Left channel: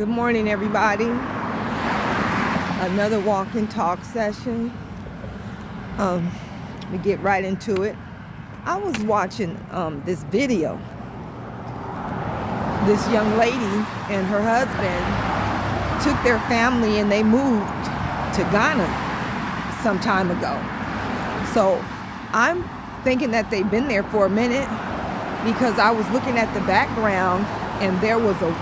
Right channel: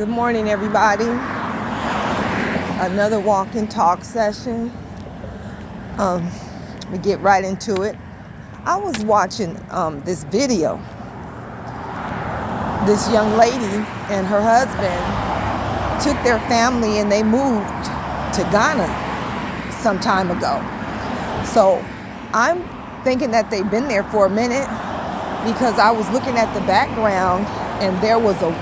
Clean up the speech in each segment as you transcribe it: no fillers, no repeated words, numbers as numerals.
Good morning, everybody. Another walk and talk session. We get right into it. I was watching this video. This young lady and her husband took their family and they moved to Ghana some time ago. So I'm thinking that they've been there for a minute because I was looking at the background and there was a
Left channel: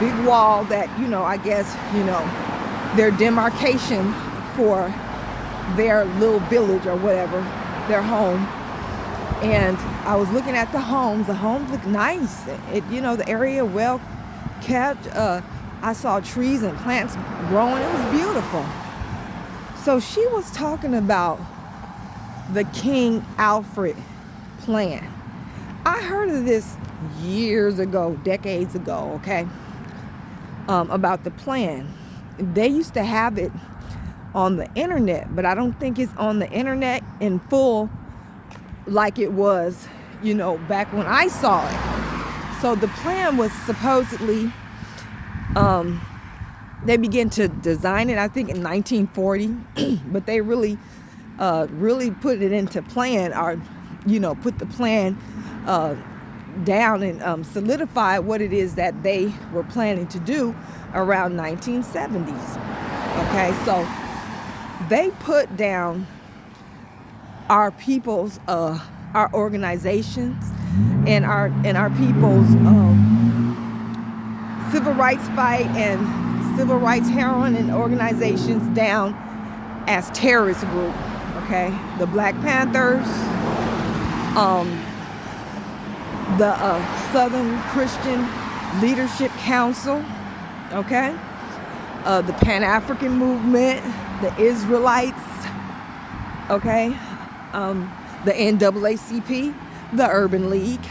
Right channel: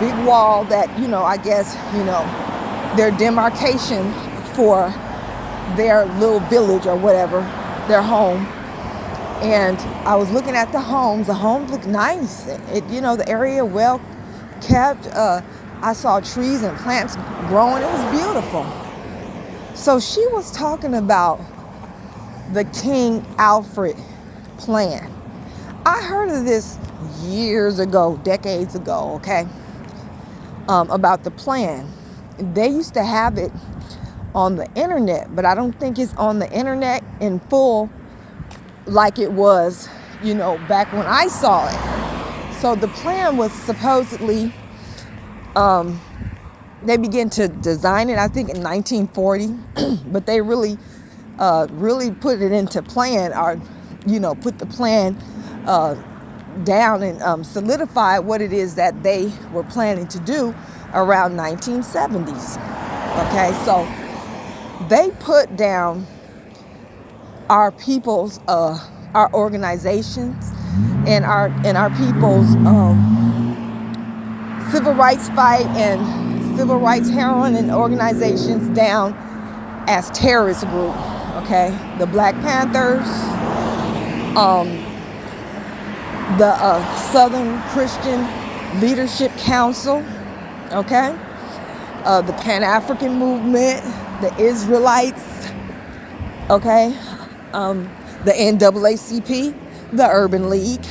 big wall that, I guess, their demarcation for their little village or whatever, their home. And I was looking at the homes. The homes look nice. The area well kept. I saw trees and plants growing. It was beautiful. So she was talking about the King Alfred plan. I heard of this years ago, decades ago, okay, about the plan. They used to have it on the internet, but I don't think it's on the internet in full like it was, back when I saw it. So the plan was supposedly, they began to design it, I think, in 1940, but they really put it into plan, or, put the plan down and solidify what it is that they were planning to do around 1970s. Okay, so they put down our people's, our organizations and our people's civil rights fight and civil rights heroine and organizations down as terrorist group. Okay, the Black Panthers, the Southern Christian Leadership Council, okay, the Pan-African movement, the Israelites, okay, the NAACP, the Urban League.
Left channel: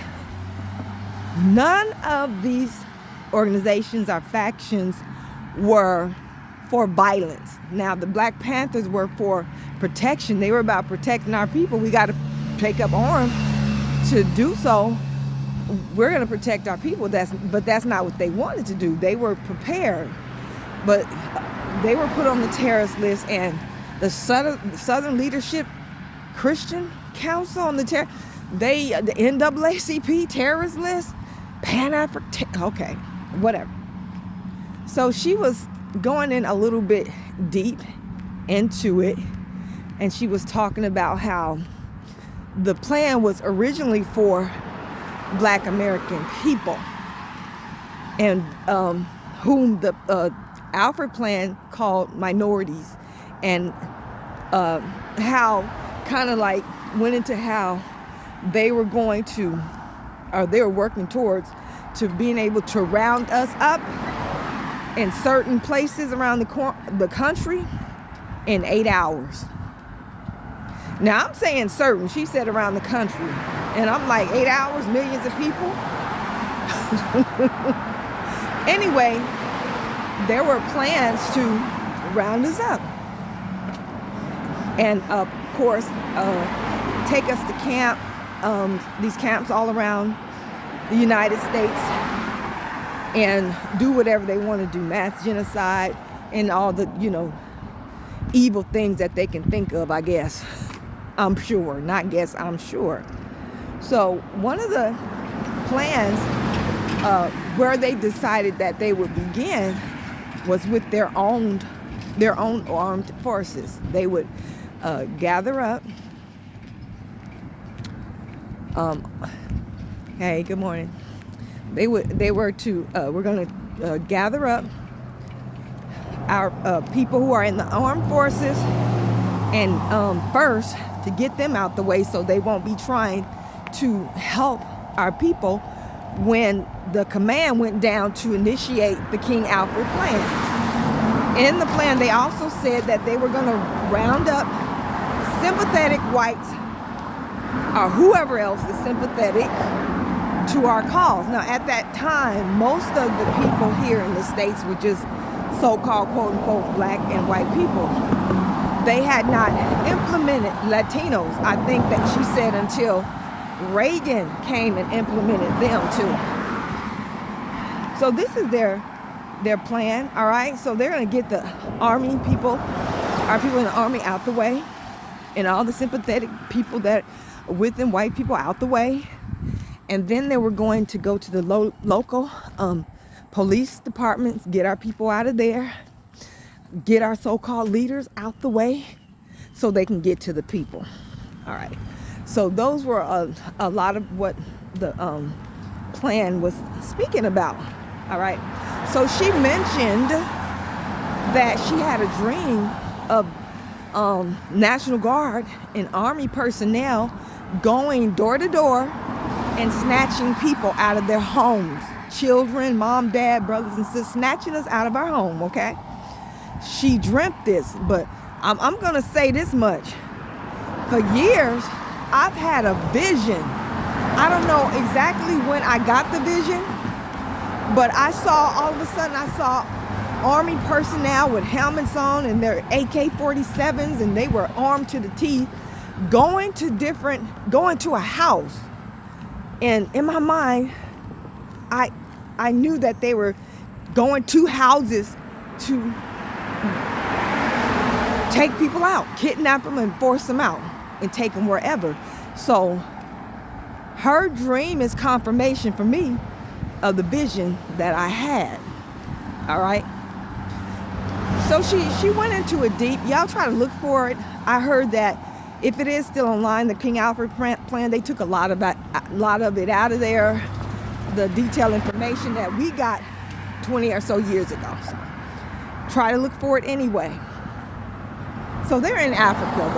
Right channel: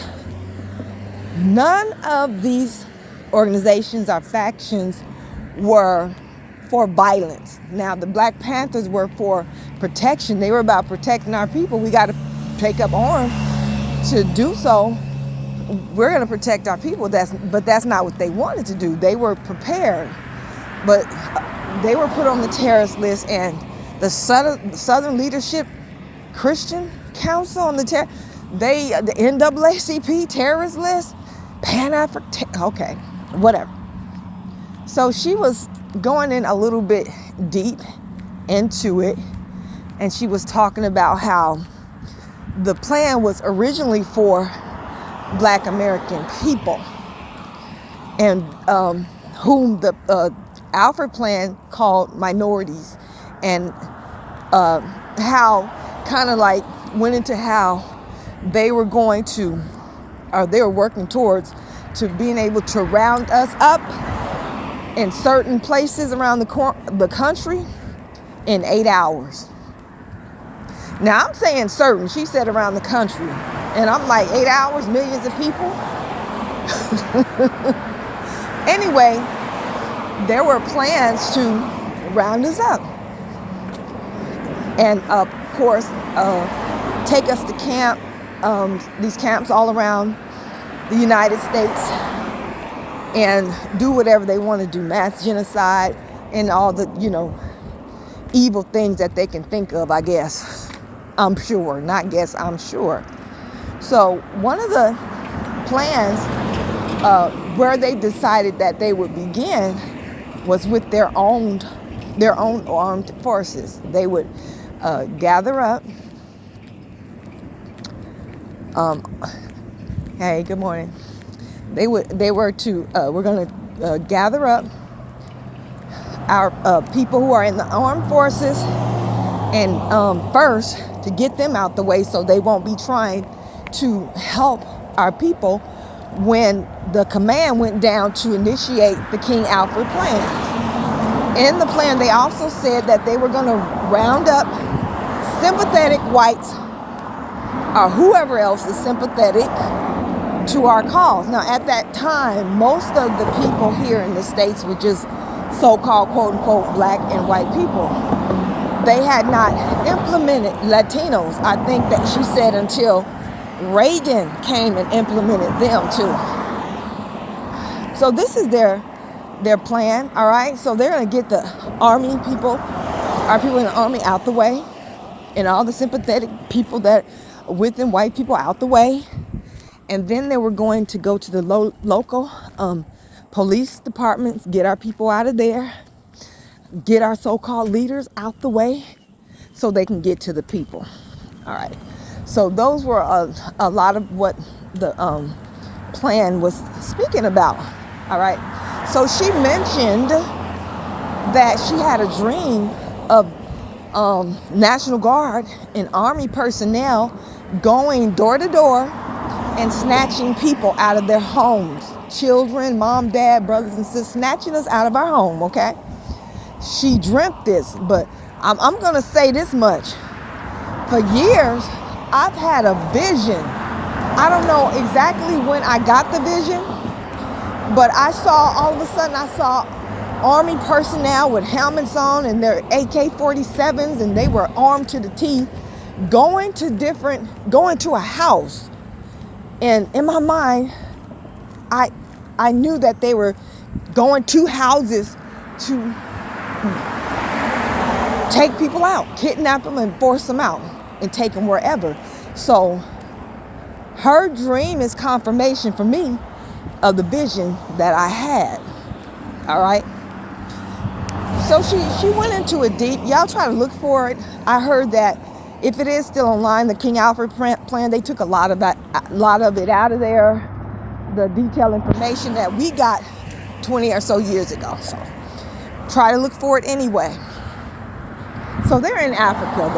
None of these organizations or factions were for violence. Now, the Black Panthers were for protection. They were about protecting our people. We got to take up arms to do so. We're going to protect our people. But that's not what they wanted to do. They were prepared, but they were put on the terrorist list, and the Southern Leadership Christian Council on the NAACP terrorist list, Pan-African, okay, whatever. So she was going in a little bit deep into it, and she was talking about how the plan was originally for Black American people, and whom the Alfred plan called minorities, and how kind of like went into how they were going to, or they were working towards, to being able to round us up in certain places around the country in 8 hours. Now, I'm saying certain. She said around the country. And I'm like, 8 hours, millions of people? Anyway, there were plans to round us up. And, of course, take us to camp, these camps all around the United States, and do whatever they want to do, mass genocide and all the, evil things that they can think of, I guess. I'm sure, not guess, I'm sure. So one of the plans where they decided that they would begin was with their own armed forces. They would gather up. Hey, good morning. We're going to gather up our people who are in the armed forces, and first to get them out the way so they won't be trying to help our people when the command went down to initiate the King Alfred plan. In the plan, they also said that they were going to round up sympathetic whites or whoever else is sympathetic to our cause. Now, at that time, most of the people here in the States were just so-called quote-unquote black and white people. They had not implemented Latinos, I think that she said, until Reagan came and implemented them too. So this is their their plan, all right? So they're going to get the army people, our people in the army out the way, and all the sympathetic people that are with them, white people out the way. And then they were going to go to the local police departments, get our people out of there, get our so-called leaders out the way so they can get to the people. All right. So those were a lot of what the plan was speaking about. All right. So she mentioned that she had a dream of National Guard and Army personnel going door to door and snatching people out of their homes. Children, mom, dad, brothers and sisters, snatching us out of our home, okay? She dreamt this, but I'm going to say this much. For years, I've had a vision. I don't know exactly when I got the vision, but all of a sudden I saw Army personnel with helmets on and their AK-47s, and they were armed to the teeth, going to a house. And in my mind, I knew that they were going to houses to take people out, kidnap them and force them out and take them wherever. So her dream is confirmation for me of the vision that I had. All right. So she went into it deep. Y'all try to look for it. I heard that if it is still online, the King Alfred plan, they took a lot of it out of there. The detailed information that we got 20 or so years ago. So try to look for it anyway. So they're in Africa.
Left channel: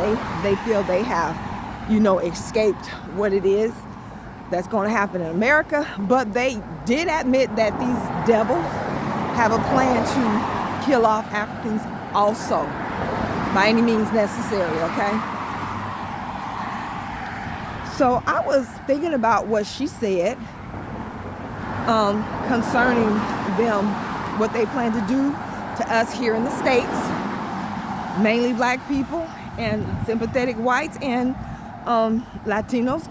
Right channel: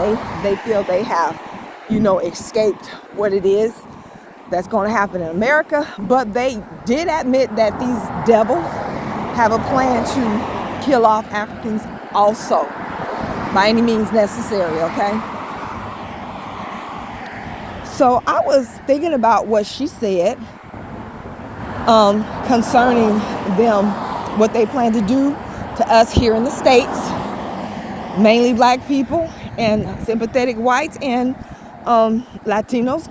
They feel they have, escaped what it is that's going to happen in America. But they did admit that these devils have a plan to kill off Africans also, by any means necessary, okay? So I was thinking about what she said concerning them, what they plan to do to us here in the States, mainly black people and sympathetic whites and Latinos.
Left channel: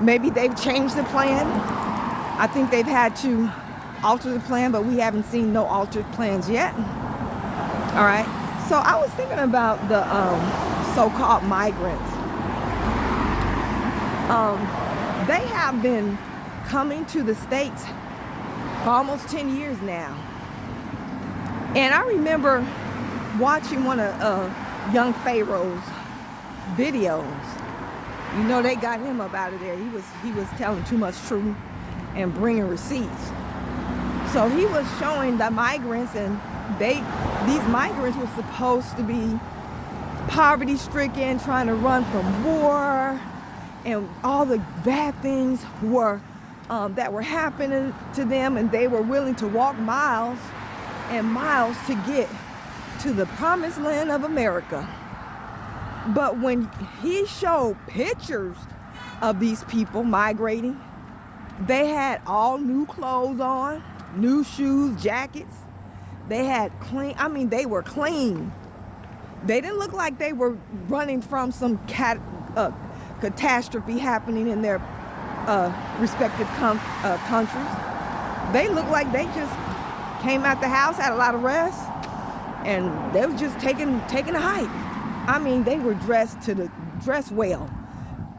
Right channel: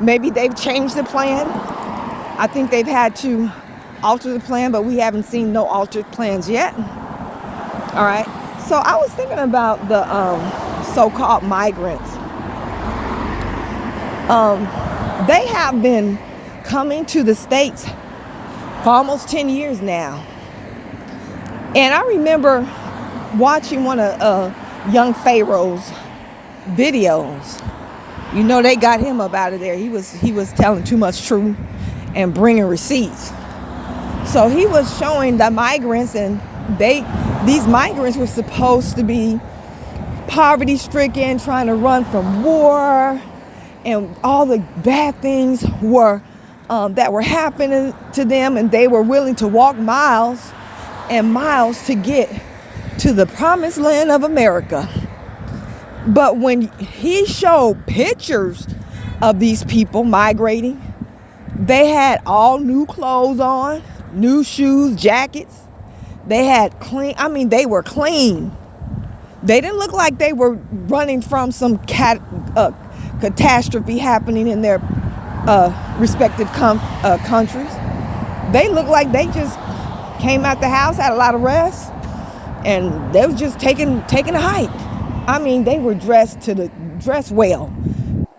Maybe they've changed the plan. I think they've had to alter the plan, but we haven't seen no altered plans yet. All right. So I was thinking about the so-called migrants. They have been coming to the States for almost 10 years now. And I remember watching one of young Pharaoh's videos. They got him up out of there. He was telling too much truth and bringing receipts. So he was showing the migrants, and these migrants were supposed to be poverty-stricken, trying to run from war, and all the bad things that were happening to them, and they were willing to walk miles and miles to get to the promised land of America. But when he showed pictures of these people migrating, they had all new clothes on, new shoes, jackets. They were clean. They didn't look like they were running from some catastrophe happening in their respective countries. They looked like they just came out the house, had a lot of rest, and they was just taking a hike. They were dressed well,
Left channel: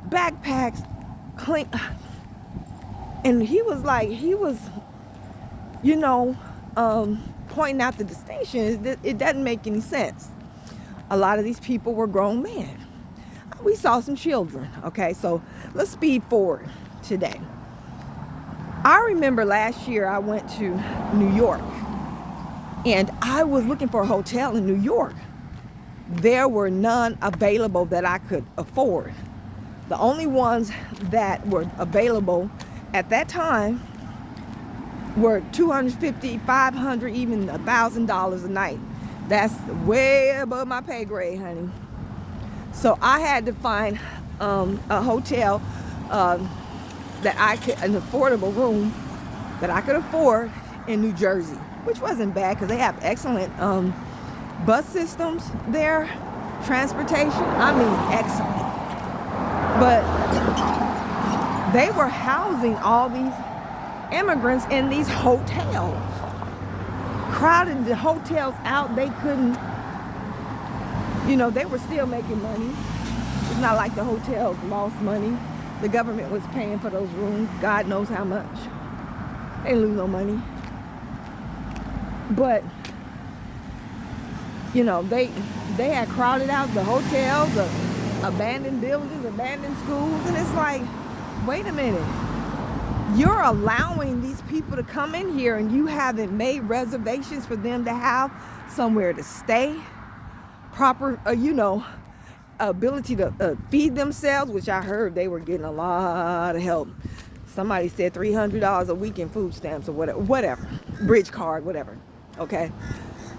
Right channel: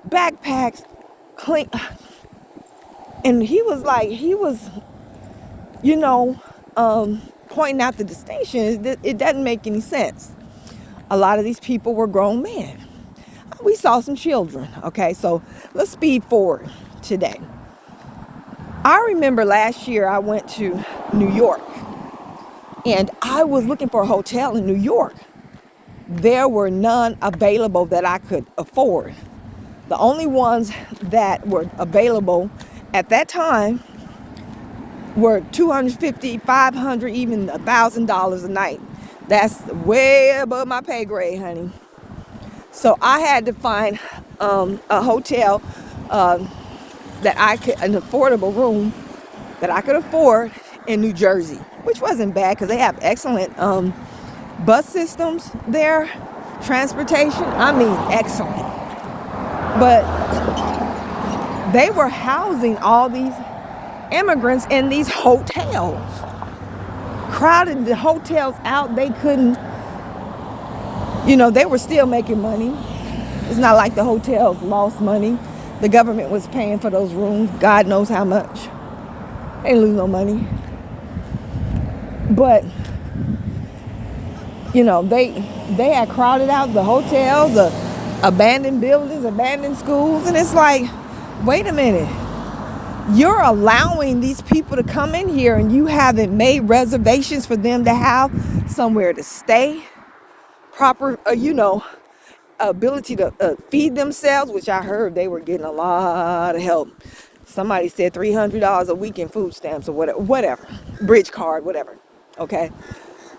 backpacks, clean. And he was pointing out the distinction. It doesn't make any sense. A lot of these people were grown men. We saw some children. Okay, so let's speed forward today. I remember last year I went to New York, and I was looking for a hotel in New York. There were none available that I could afford. The only ones that were available at that time were $250, $500, even $1,000 a night. That's way above my pay grade, honey. So I had to find a hotel an affordable room that I could afford in New Jersey, which wasn't bad because they have excellent bus systems there, transportation. Excellent. But they were housing all these immigrants in these hotels. crowded the hotels out. They couldn't, they were still making money. It's not like the hotels lost money. The government was paying for those rooms. God knows how much. They didn't lose no money. But, they had crowded out the hotels, the abandoned buildings, abandoned schools. And it's like, wait a minute. You're allowing these people to come in here and you haven't made reservations for them to have somewhere to stay, proper, ability to feed themselves, which I heard they were getting a lot of help. Somebody said $300 a week in food stamps or whatever, bridge card, whatever. Okay.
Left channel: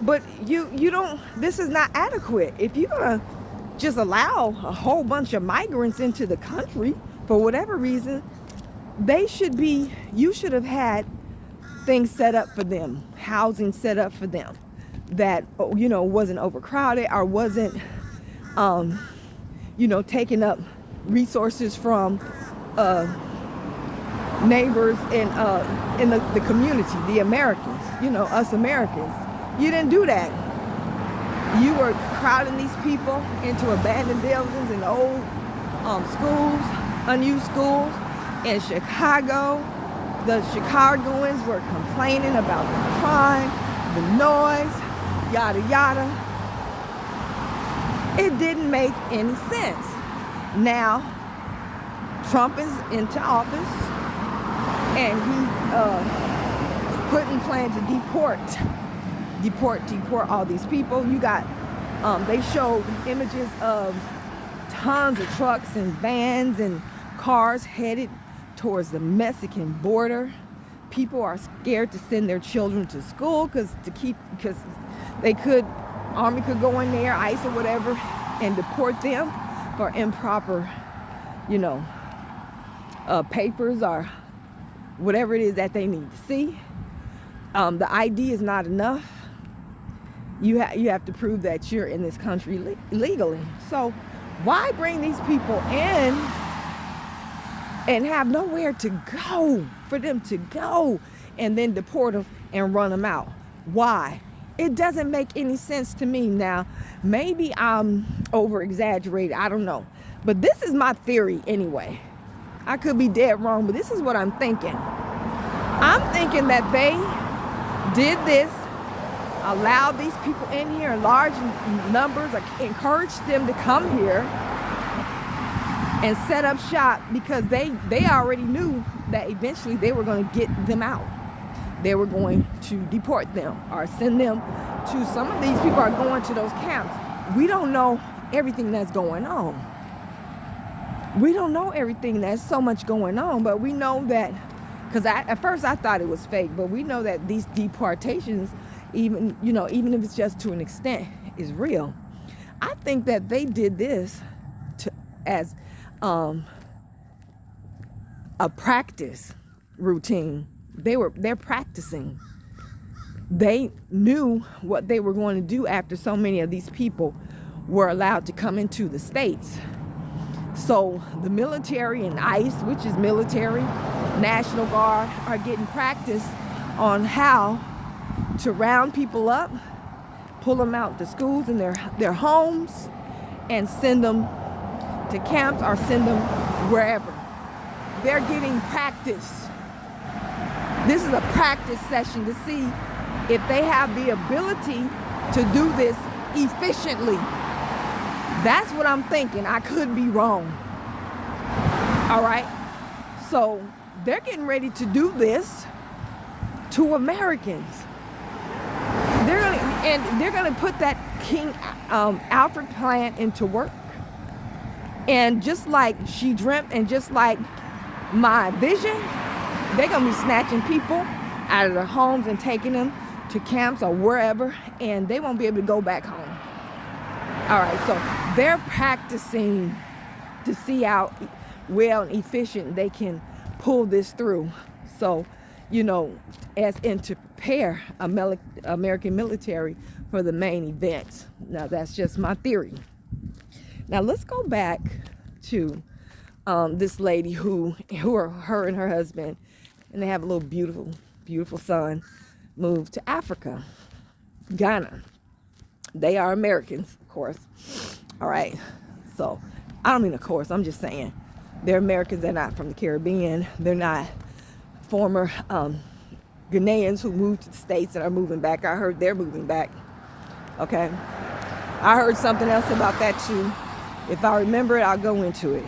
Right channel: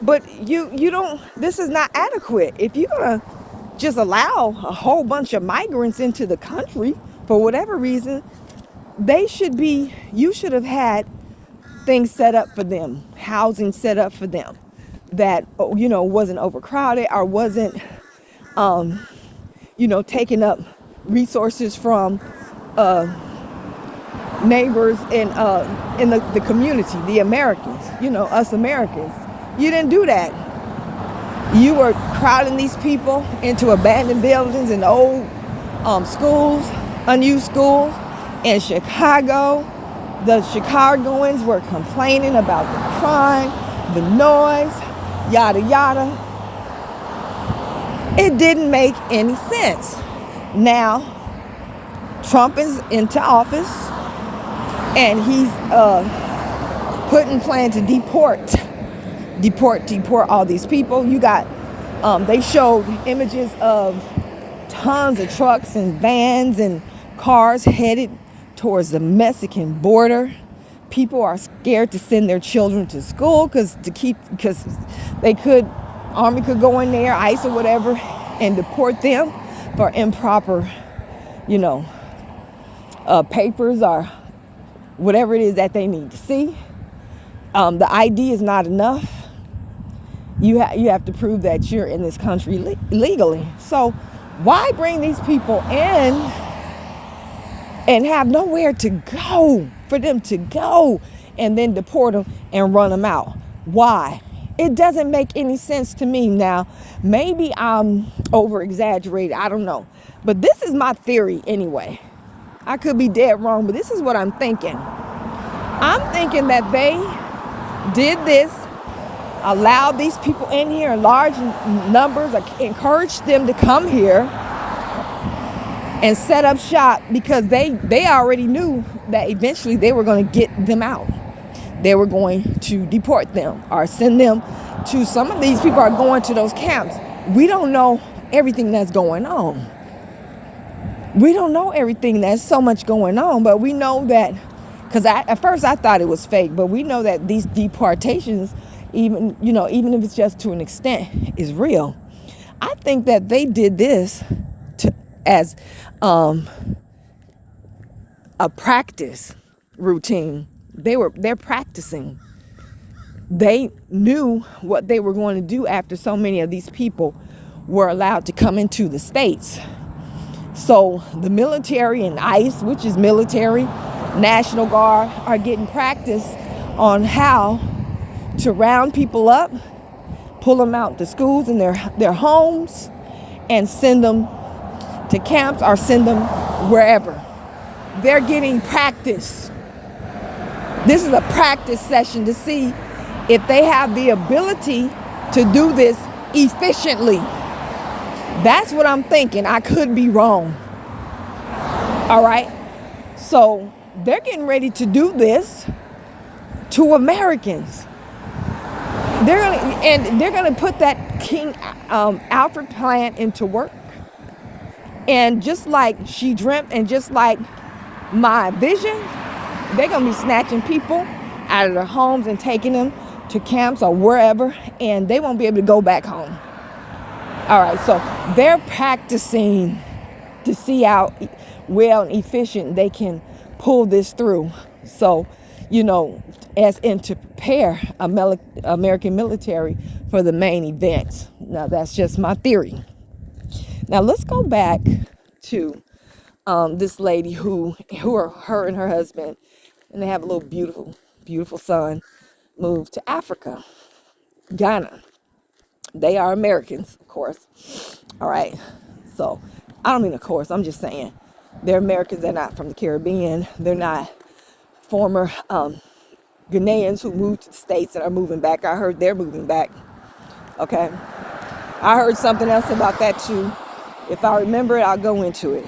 But you don't, this is not adequate. If you're going to just allow a whole bunch of migrants into the country for whatever reason, you should have had things set up for them, housing set up for them that, wasn't overcrowded or wasn't, taking up resources from neighbors in the community, the Americans, us Americans. You didn't do that. You were crowding these people into abandoned buildings and old schools, unused schools. In Chicago, the Chicagoans were complaining about the crime, the noise, yada, yada. It didn't make any sense. Now, Trump is into office, and he's putting plan to deport all these people. You got, they showed images of tons of trucks and vans and cars headed towards the Mexican border. People are scared to send their children to school because Army could go in there, ICE or whatever, and deport them for improper, papers or whatever it is that they need to see. The ID is not enough. You have to prove that you're in this country legally. So why bring these people in and have nowhere to go for them to go and then deport them and run them out? Why? It doesn't make any sense to me. Now, maybe I'm over-exaggerating. I don't know. But this is my theory anyway. I could be dead wrong, but this is what I'm thinking. I'm thinking that they did this, allowed these people in here in large numbers, encouraged them to come here and set up shop because they already knew that eventually they were going to get them out. They were going to deport them or send them to, some of these people are going to those camps. We don't know everything that's going on. We don't know everything. There's so much going on, but we know that, because at first I thought it was fake, but we know that these deportations, even if it's just to an extent, is real. I think that they did this as a practice routine. They're practicing. They knew what they were going to do after so many of these people were allowed to come into the States. So the military and ICE, which is military, National Guard, are getting practice on how to round people up, pull them out to schools and their homes, and send them to camps or send them wherever. They're getting practice. This is a practice session to see if they have the ability to do this efficiently. That's what I'm thinking. I could be wrong. All right. So they're getting ready to do this to Americans. They're gonna put that King Alfred plan into work. And just like she dreamt, and just like my vision, they're gonna be snatching people out of their homes and taking them to camps or wherever, and they won't be able to go back home. All right, so they're practicing to see how well and efficient they can pull this through. So, as in to prepare American military for the main events. Now, that's just my theory. Now, let's go back to this lady who are her and her husband, and they have a little beautiful, beautiful son, moved to Africa. Ghana. They are Americans, of course. All right. So, I don't mean of course, I'm just saying. They're Americans, they're not from the Caribbean. They're not former Ghanaians who moved to the States and are moving back. I heard they're moving back. Okay. I heard something else about that too. If I remember it, I'll go into it.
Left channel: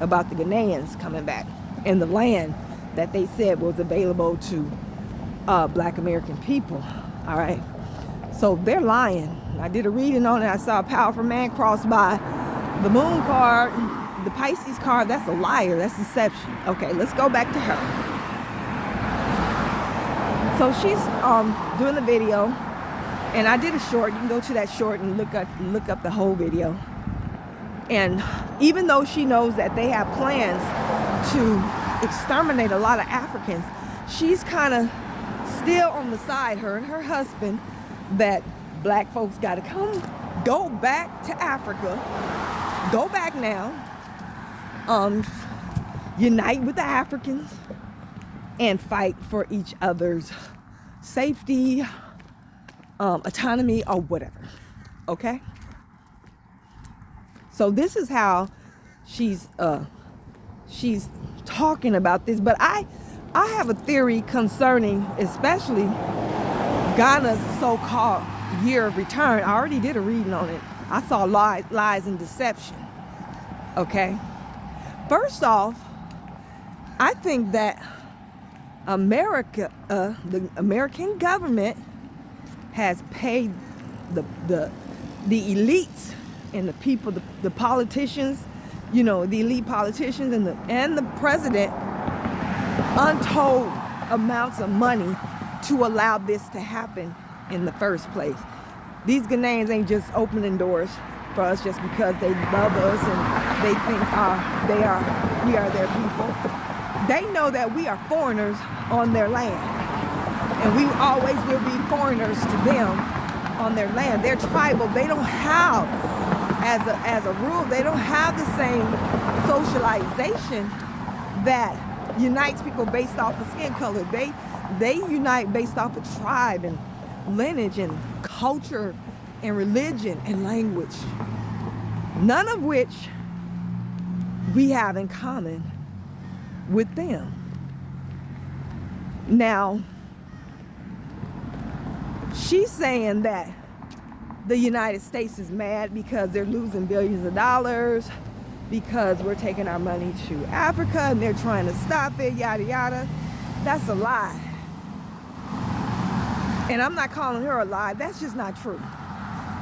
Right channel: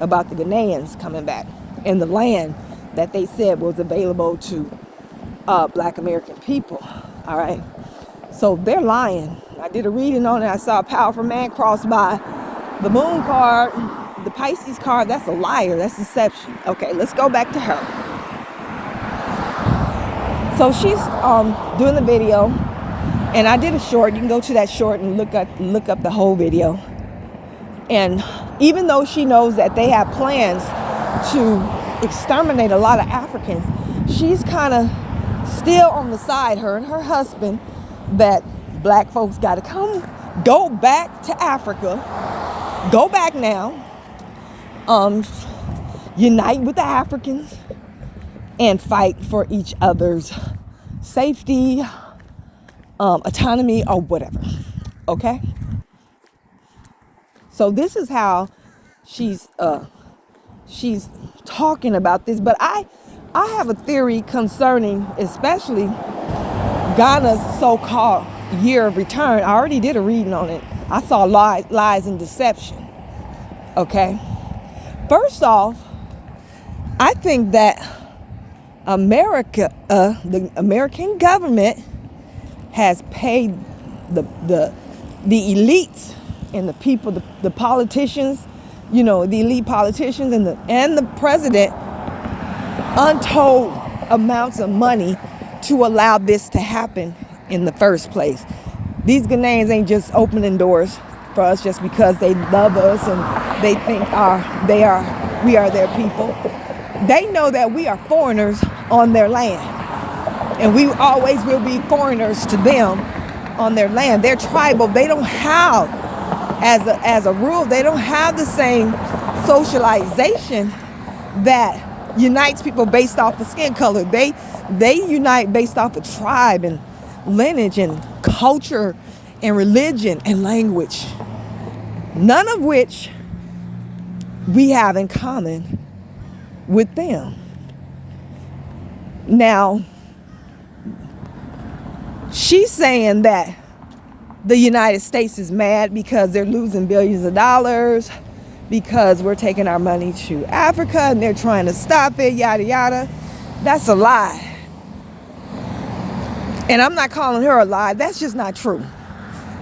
About the Ghanaians coming back and the land that they said was available to Black American people. All right. So they're lying. I did a reading on it. I saw a powerful man cross by. The moon card, the Pisces card, that's a liar. That's deception. Okay, let's go back to her. So she's doing the video, and I did a short. You can go to that short and look up the whole video. And even though she knows that they have plans to exterminate a lot of Africans, she's kind of still on the side, her and her husband, that Black folks got to go back to Africa, go back now, unite with the Africans and fight for each other's safety, autonomy, or whatever. Okay? So this is how she's talking about this. But I have a theory concerning especially Ghana's so-called year of return. I already did a reading on it. I saw lies and deception. Okay? First off, I think that America, the American government has paid the elites and the people, the politicians, the elite politicians and the president untold amounts of money to allow this to happen in the first place. These Ghanaians ain't just opening doors for us just because they love us and they think we are their people. They know that we are foreigners on their land, and we always will be foreigners to them on their land. They're tribal. They don't have, as a rule, they don't have the same socialization that unites people based off of skin color. They unite based off of tribe and lineage and culture and religion and language, none of which we have in common with them. Now, she's saying that the United States is mad because they're losing billions of dollars, because we're taking our money to Africa and they're trying to stop it, yada, yada. That's a lie. And I'm not calling her a lie. That's just not true.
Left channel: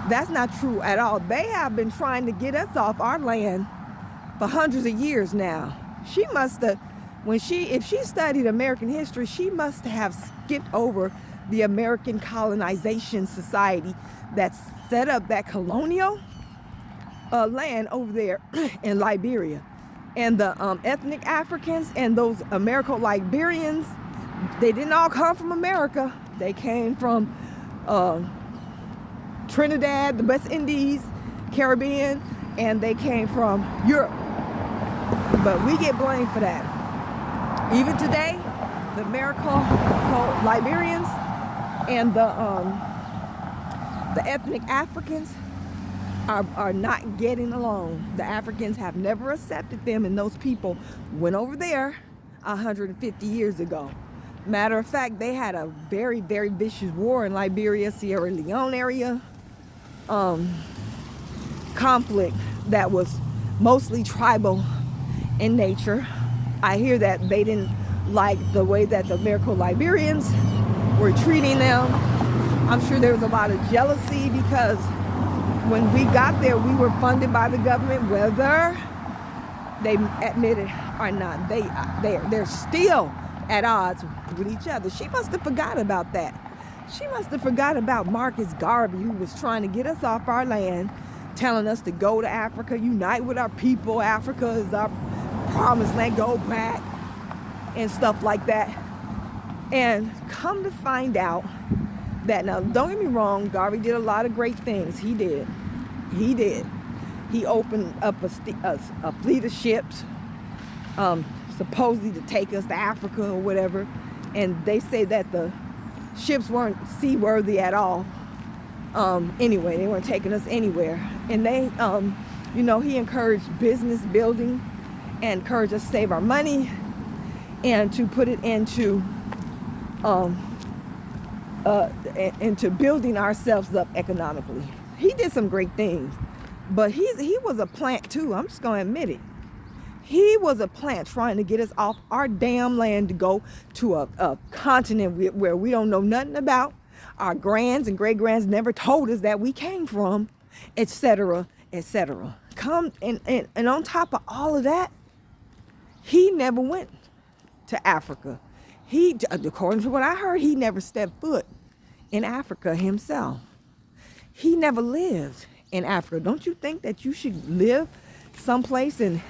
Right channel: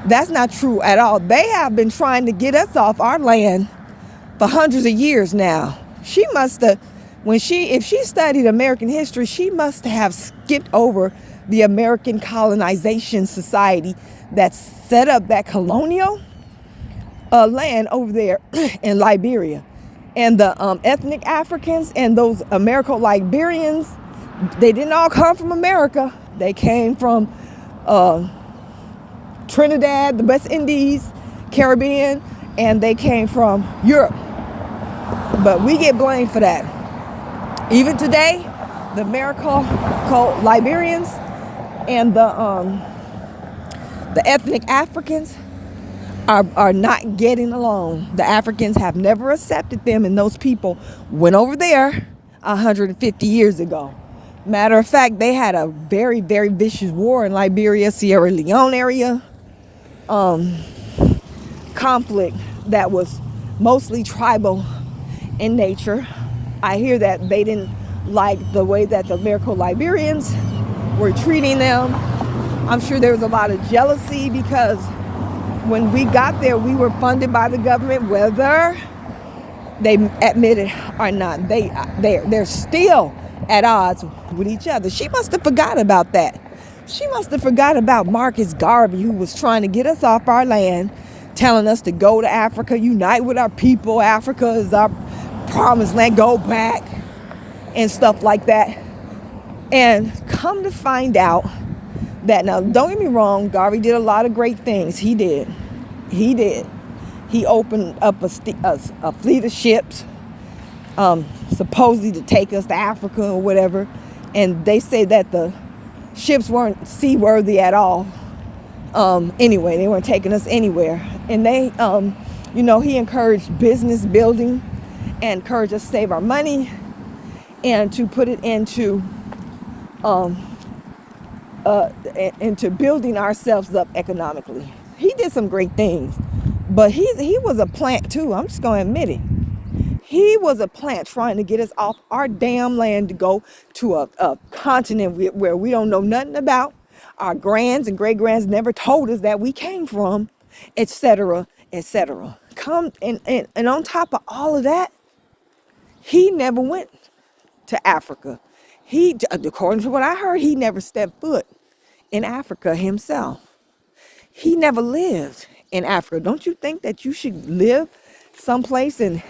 That's not true at all. They have been trying to get us off our land for hundreds of years now. She must have, if she studied American history, she must have skipped over the American colonization society that set up that colonial land over there in Liberia. And the ethnic Africans and those Americo-Liberians, they didn't all come from America. They came from Trinidad, the West Indies, Caribbean, and they came from Europe. But we get blamed for that. Even today, the Americo-Liberians and the ethnic Africans are not getting along. The Africans have never accepted them, and those people went over there 150 years ago. Matter of fact, they had a very, very vicious war in Liberia, Sierra Leone area. Conflict that was mostly tribal in nature. I hear that they didn't like the way that the Americo-Liberians were treating them. I'm sure there was a lot of jealousy because when we got there, we were funded by the government, whether they admit it or not. They're still at odds with each other. She must have forgot about that. She must have forgot about Marcus Garvey, who was trying to get us off our land, telling us to go to Africa, unite with our people. Africa is our promised land, go back, and stuff like that. And come to find out that, now don't get me wrong, Garvey did a lot of great things. He did. He opened up a fleet of ships, supposedly to take us to Africa or whatever. And they say that the ships weren't seaworthy at all. Anyway, they weren't taking us anywhere. And they, he encouraged business building and encouraged us to save our money and to put it into building ourselves up economically. He did some great things, but he was a plant too. I'm just going to admit it. He was a plant trying to get us off our damn land to go to a continent where we don't know nothing about. Our grands and great-grands never told us that we came from, etc., etc. And on top of all of that, he never went to Africa. According to what I heard, he never stepped foot in Africa himself. He never lived in Africa. Don't you think that you should live someplace and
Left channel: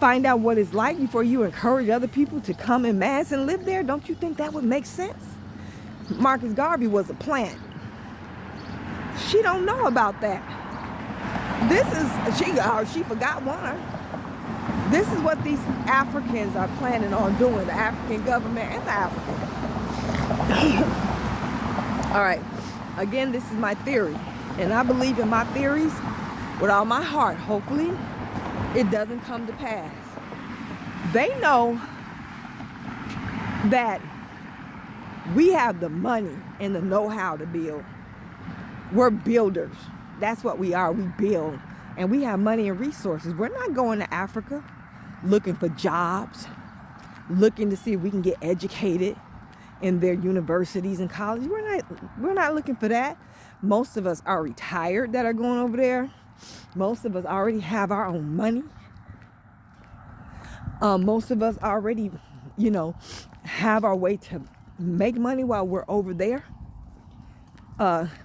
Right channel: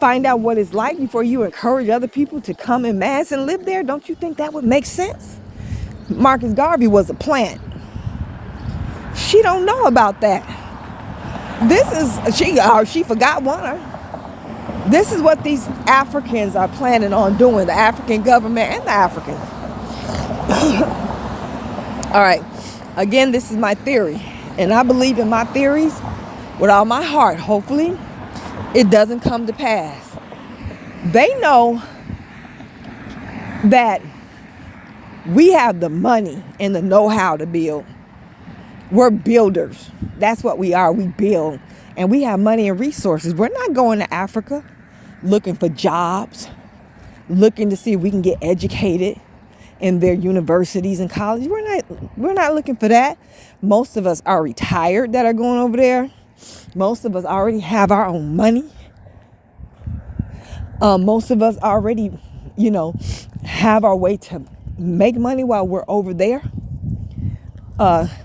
find out what it's like before you encourage other people to come in mass and live there? Don't you think that would make sense? Marcus Garvey was a plant. She don't know about that. She forgot one. This is what these Africans are planning on doing, the African government and the Africans. All right. Again, this is my theory. And I believe in my theories with all my heart. Hopefully, it doesn't come to pass. They know that we have the money and the know-how to build. We're builders. That's what we are. We build. And we have money and resources. We're not going to Africa looking for jobs, looking to see if we can get educated in their universities and colleges. We're not looking for that. Most of us are retired that are going over there. Most of us already have our own money. Most of us already, have our way to make money while we're over there.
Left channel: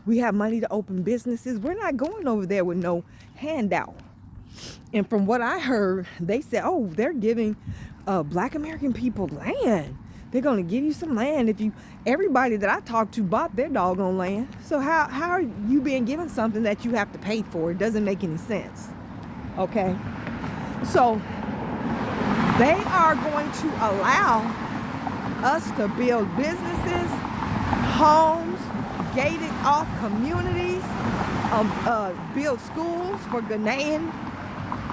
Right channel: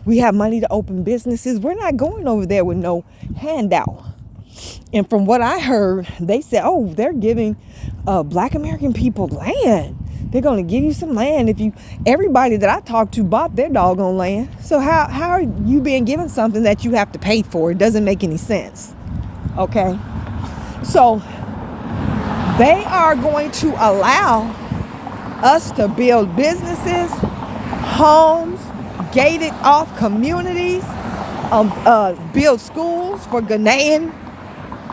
We have money to open businesses. We're not going over there with no handout. And from what I heard, they said, they're giving Black American people land. They're going to give you some land if everybody that I talked to bought their doggone land. So how are you being given something that you have to pay for? It doesn't make any sense. Okay? So they are going to allow us to build businesses, homes, gated off communities, build schools for Ghanaian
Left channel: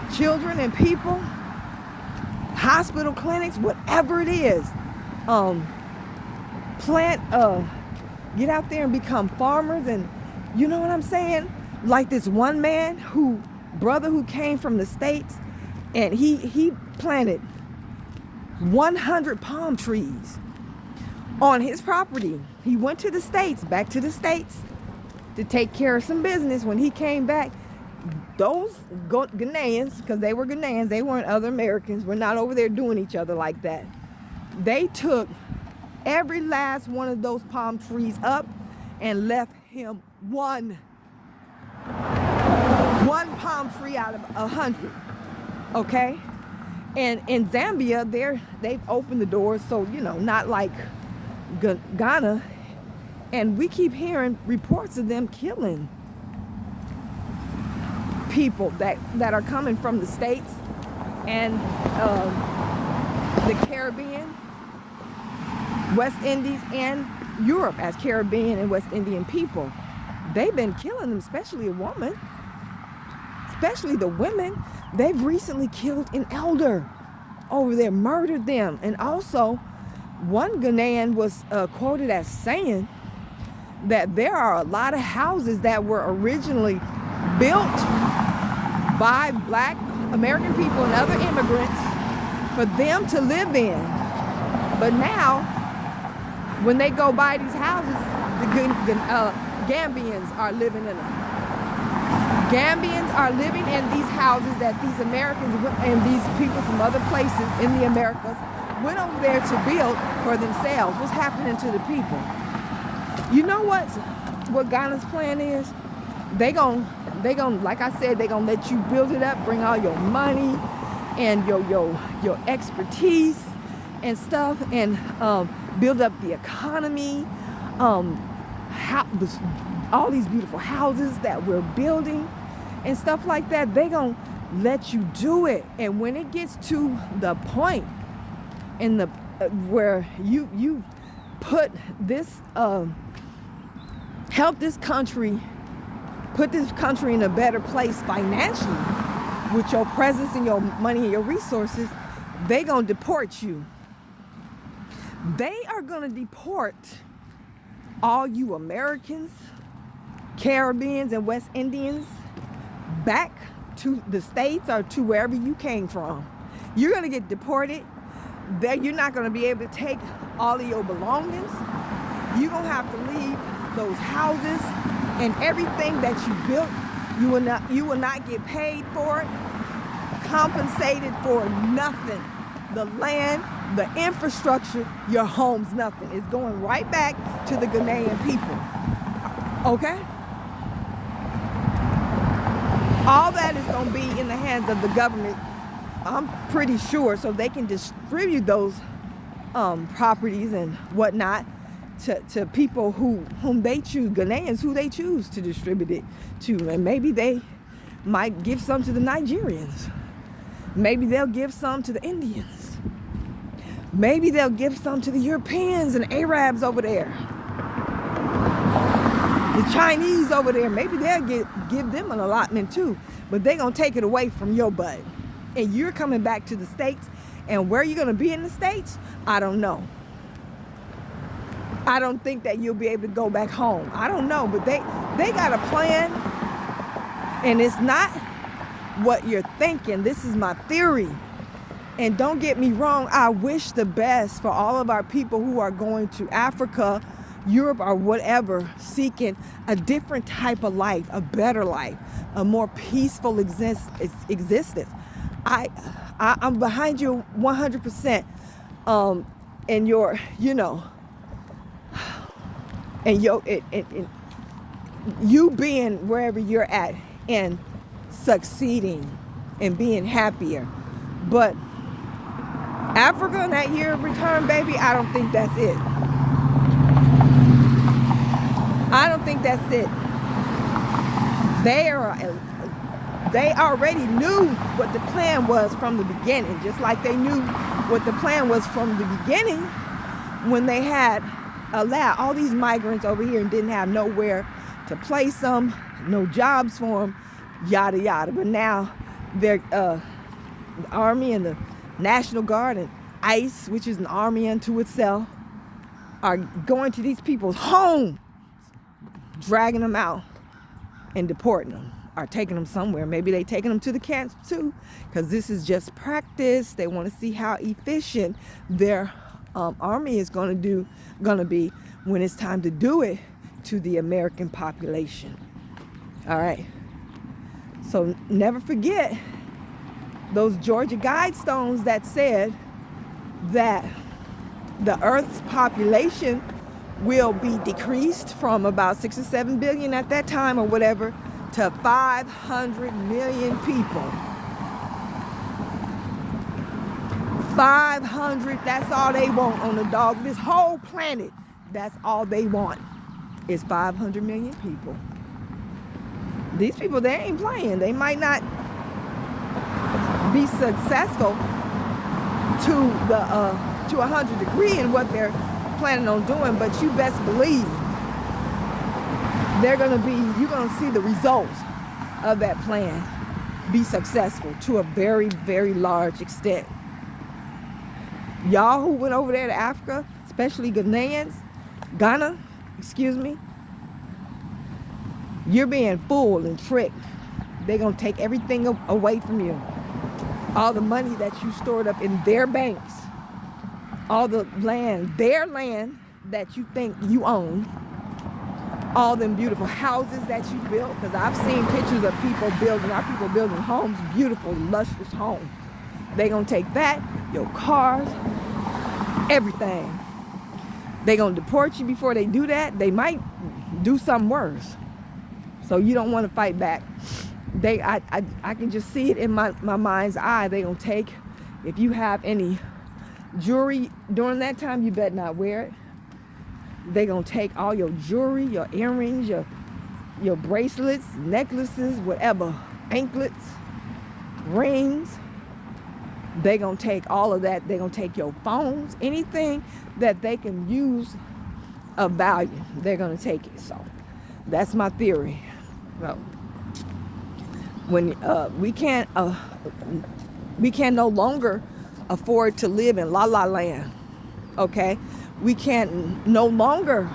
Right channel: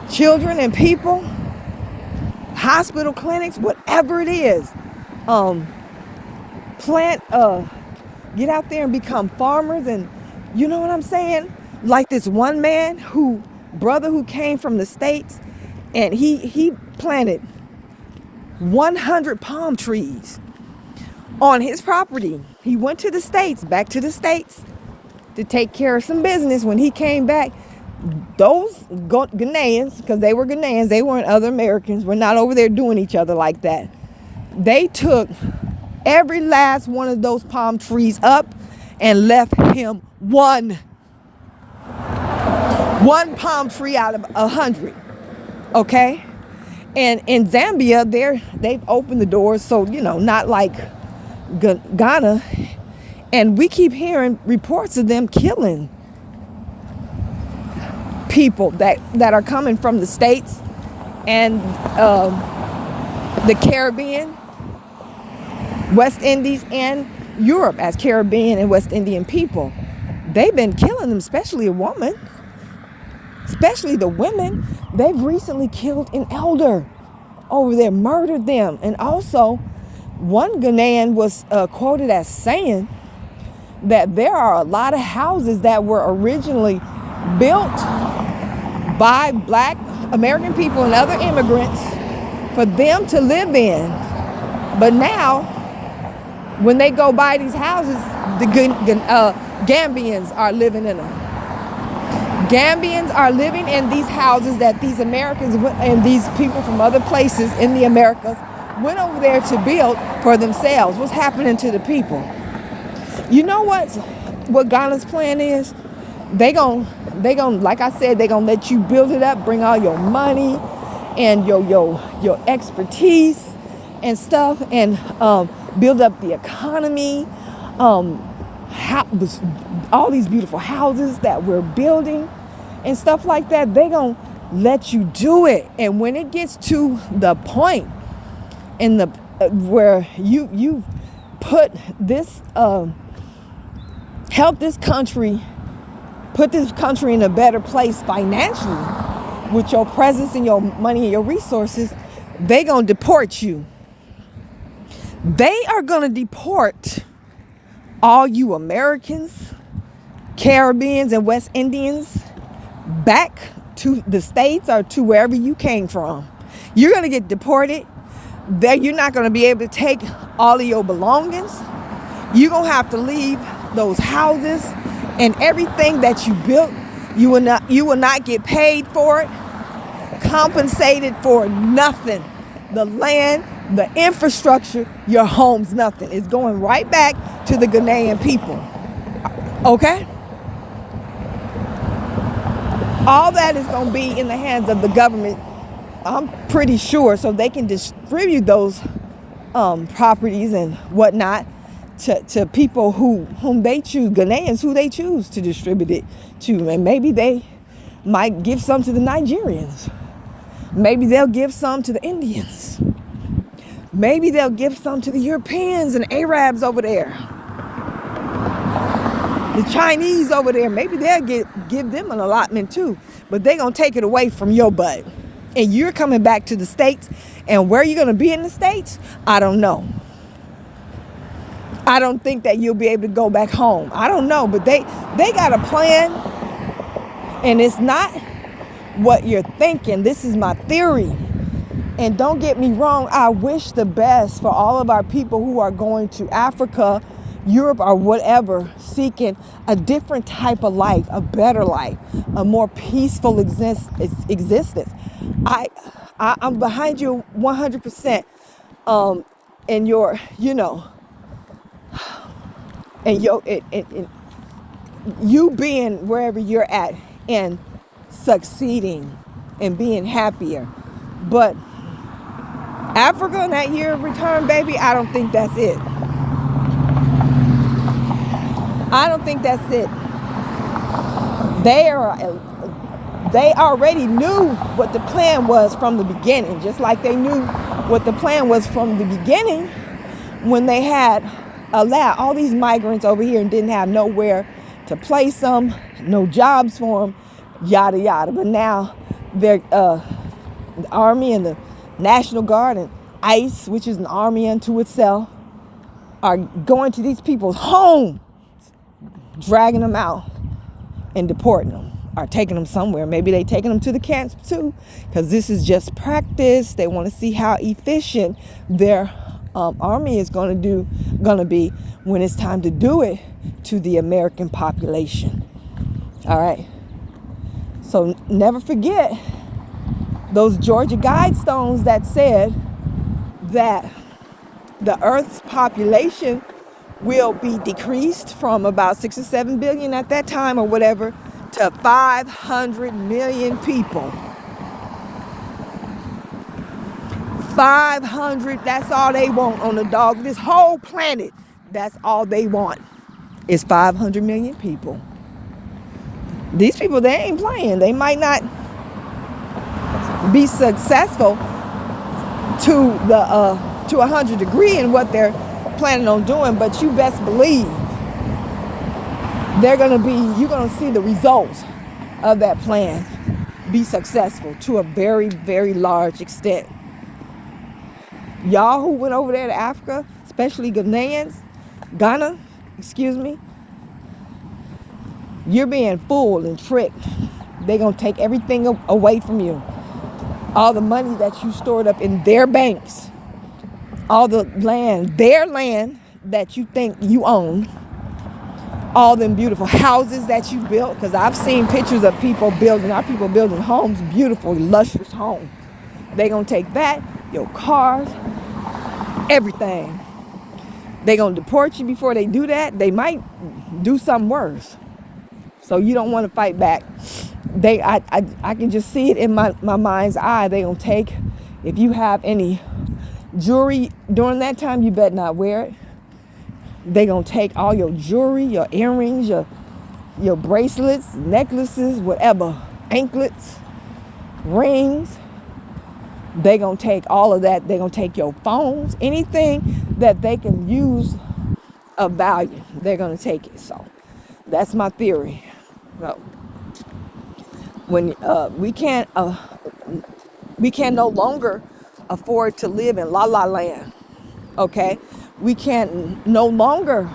children and people, hospital clinics, whatever it is. Get out there and become farmers, and you know what I'm saying? Like this one man brother who came from the States, and he planted 100 palm trees on his property. He went to the States, back to the States, to take care of some business. When he came back, those Ghanaians, because they were Ghanaians, they weren't other Americans, we're not over there doing each other like that. They took every last one of those palm trees up and left him one palm tree out of 100. Okay? And in Zambia, they've opened the doors, so, not like Ghana. And we keep hearing reports of them killing people that are coming from the States and the Caribbean, West Indies, and Europe as Caribbean and West Indian people. They've been killing them, especially the women. They've recently killed an elder over there, murdered them. And also, one Ghanaian was quoted as saying that there are a lot of houses that were originally built by Black American people and other immigrants for them to live in. But now, when they go by these houses, the Gambians are living in them. Gambians are living in these houses that these Americans and these people from other places in the Americas went over there to build for themselves. What's happening to the people? You know what Ghana's plan is? They gon' like I said, they gonna let you build it up, bring all your money and your expertise and stuff, and build up the economy. All these beautiful houses that we're building and stuff like that, they gonna let you do it. And when it gets to the point in where you put this help this country, put this country in a better place financially with your presence and your money and your resources, they gonna deport you. They are gonna deport all you Americans, Caribbeans, and West Indians back to the States or to wherever you came from. You're gonna get deported. There, you're not gonna be able to take all of your belongings. You're gonna have to leave those houses and everything that you built. You will not get paid for it, compensated for nothing. The land, the infrastructure, your homes, nothing. It's going right back to the Ghanaian people. Okay? All that is going to be in the hands of the government, I'm pretty sure, so they can distribute those properties and whatnot to people whom they choose, Ghanaians who they choose to distribute it to. And maybe they might give some to the Nigerians. Maybe they'll give some to the Indians. Maybe they'll give some to the Europeans and Arabs over there. The Chinese over there, maybe they'll give them an allotment too. But they're going to take it away from your butt. And you're coming back to the States. And where you're going to be in the States, I don't know. I don't think that you'll be able to go back home. I don't know. But they got a plan. And it's not what you're thinking. This is my theory. And don't get me wrong, I wish the best for all of our people who are going to Africa, Europe, or whatever, seeking a different type of life, a better life, a more peaceful existence. I'm behind you 100%. And your, and you being wherever you're at and succeeding and being happier. But Africa and that year of return, baby, I don't think that's it. I don't think that's it. They already knew what the plan was from the beginning, just like they knew what the plan was from the beginning when they had allowed all these migrants over here and didn't have nowhere to place them, no jobs for them, yada yada. But now they're the Army and the National Guard and ICE, which is an army unto itself, are going to these people's homes, dragging them out and deporting them, or taking them somewhere. Maybe they taking them to the camps too, because this is just practice. They want to see how efficient their army is going to be when it's time to do it to the American population. All right. So never forget those Georgia Guidestones that said that the Earth's population will be decreased from about 6 or 7 billion at that time or whatever to 500 million people. 500, that's all they want on the dog. This whole planet, that's all they want is 500 million people. These people, they ain't playing. They might not be successful to 100 degree in what they're planning on doing, but you best believe you're gonna see the results of that plan be successful to a very, very large extent. Y'all who went over there to Africa, especially Ghana, you're being fooled and tricked. They're gonna take everything away from you. All the money that you stored up in their banks, all the land, their land that you think you own, all them beautiful houses that you built, because I've seen pictures of people building homes, beautiful, luscious homes. They're going to take that, your cars, everything. They're going to deport you before they do that. They might do something worse. So you don't want to fight back. I can just see it in my mind's eye. They're going to take, if you have any jewelry during that time, you better not wear it. They're going to take all your jewelry, your earrings, your bracelets, necklaces, whatever, anklets, rings. They're going to take all of that. They're going to take your phones, anything that they can use of value. They're going to take it. So That's my theory. So when we can't no longer afford to live in la la land. Okay, we can't no longer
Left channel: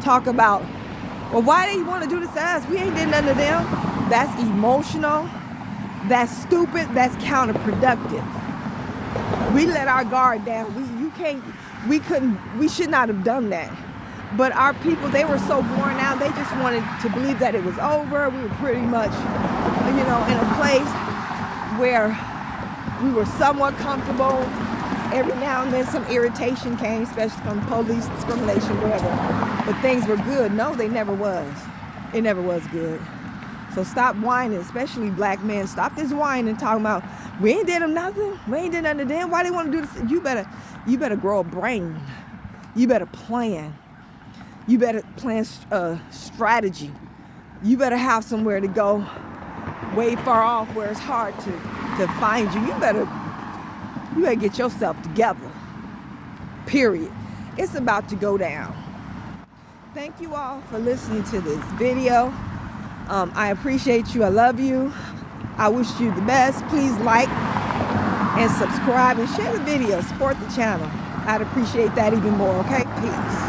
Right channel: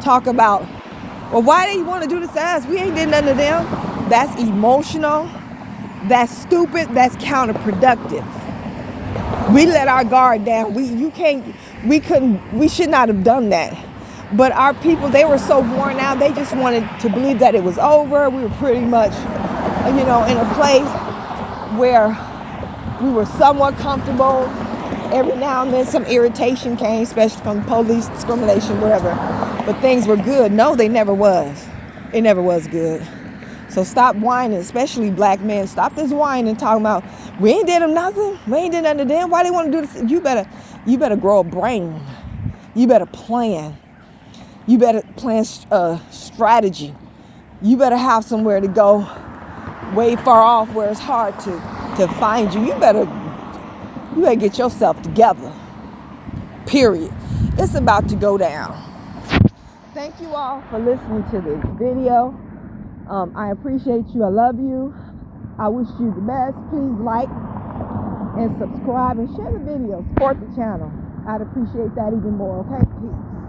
talk about, well, why they want to do this to us? We ain't did nothing to them. That's emotional. That's stupid. That's counterproductive. We let our guard down. We should not have done that. But our people, they were so worn out. They just wanted to believe that it was over. We were pretty much, in a place where we were somewhat comfortable. Every now and then some irritation came, especially from police discrimination, whatever. But things were good. No, they never was. It never was good. So stop whining, especially black men. Stop this whining, talking about, we ain't did them nothing. We ain't did nothing to them. Why they want to do this? You better grow a brain. You better plan. You better plan strategy. You better have somewhere to go way far off where it's hard to find you. You better get yourself together. Period. It's about to go down. Thank you all for listening to this video. I appreciate you. I love you. I wish you the best. Please like and subscribe and share the video. Support the channel. I'd appreciate that even more. Okay? Peace.